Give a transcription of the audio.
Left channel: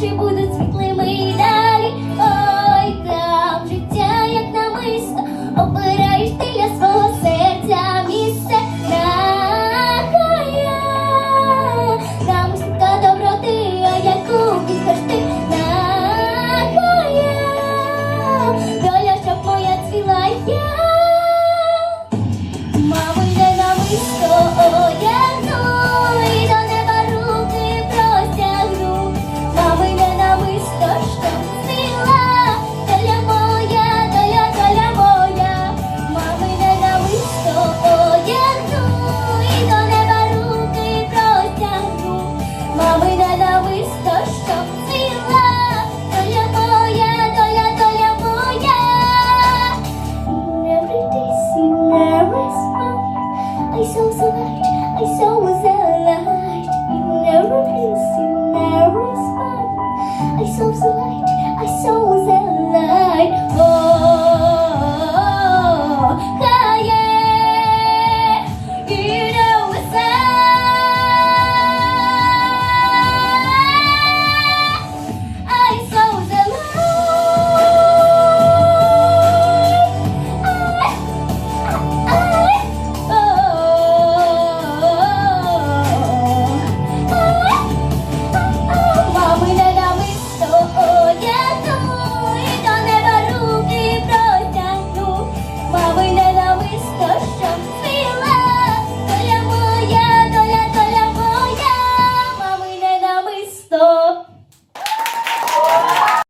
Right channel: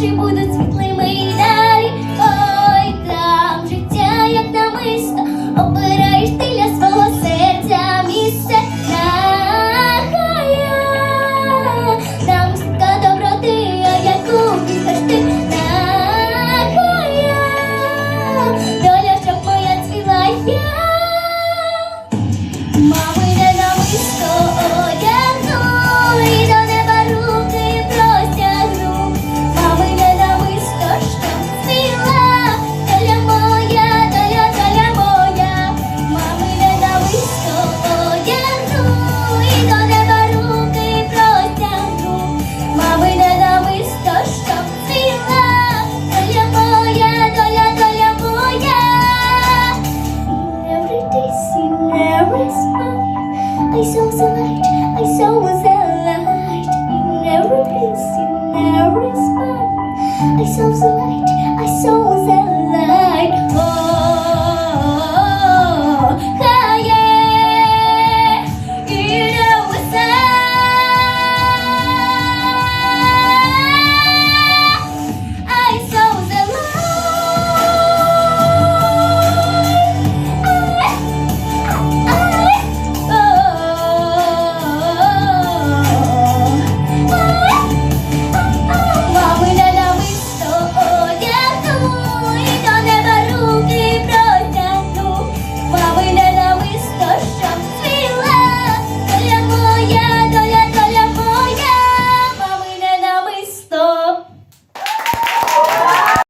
чи будуть світлими і далі. Ой, там життя, як намисто, обираєш ти для свого серця місце. На хая, там стільки доброти, а яку віхаш ти на хая, доля, щоб моя цвіла я, мами, не намисто. I saw the light, I saw the light in every place, in every smile. I saw the light.